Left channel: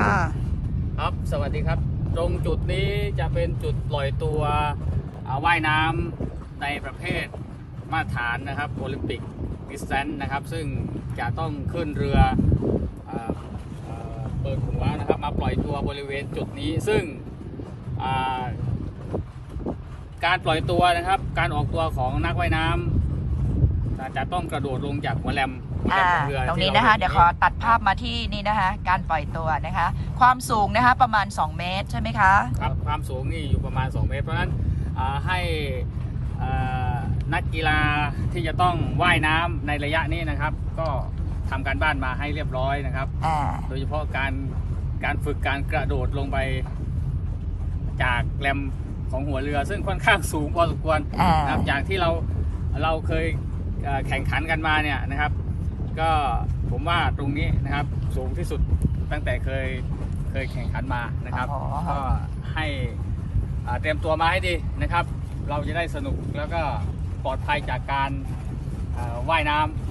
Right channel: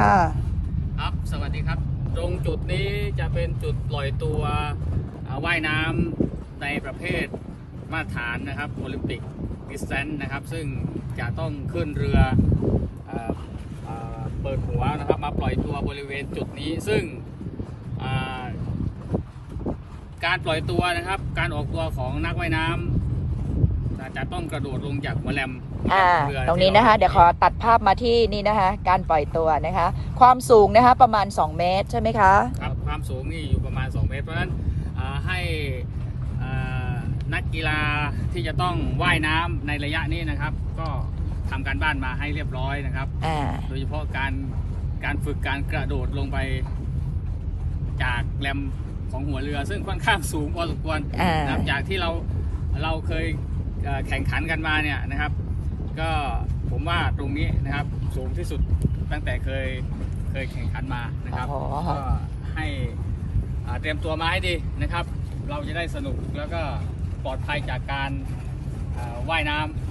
ค่ะ ครับสวัสดีครับ ตรงจุดนี้จะเป็นจุดปล่อยตัวอ่าว่ายน้ำในประเภทมาตรฐานนะครับโอลิมปิกดิสแตนนะครับ ซึ่งจะต้องขึ้นเรืออ่าอ่าเปิดหัวนะครับมาปล่อยตัวบริเวณจุดนี้ ซึ่งอ่าการปล่อยตัวนะครับ การออกตัวของนักว่ายน้ำอ่า จะต้องกระโดดลงจากหัวแรมหัวแรอ่ามของเรือตรงนี้ที่านะคะห็เดี๋ยวขอตัดภาพมาที่นี่นะคะ การปล่อยตัวนะคะ ความสูงนะคะประมาณ 2 เมตรใช่ไหมคะ ครับความสูงนี่อยู่ประมาณ 2 เมตร เพราะฉะนั้นอ่าให้อ่านักกีฬาที่จะต้องว่ายน้ำในระยะนี้นะครับ ก็ทำการบ้านมาให้เรียบร้อยนะครับ อ่า โดยเฉพาะการการฝึกการกระโดดลงไปจากแรมของหัวเรือ ซึ่งค่อนข้างสูงพอสมควรอ่า นะครับจากที่เราเราเคยเอ่อ แข่งขันกันมาเนี่ยนะครับ ก็ผมว่าตรงนี้นะครับสูงที่สุดตั้งแต่เคยเคยแข่งขันมานะครับ ก็ให้เตรียมตัวมาให้ดีนะครับ เราจะได้สนุกแล้วก็ปลอดภัยจากการว่ายน้ำ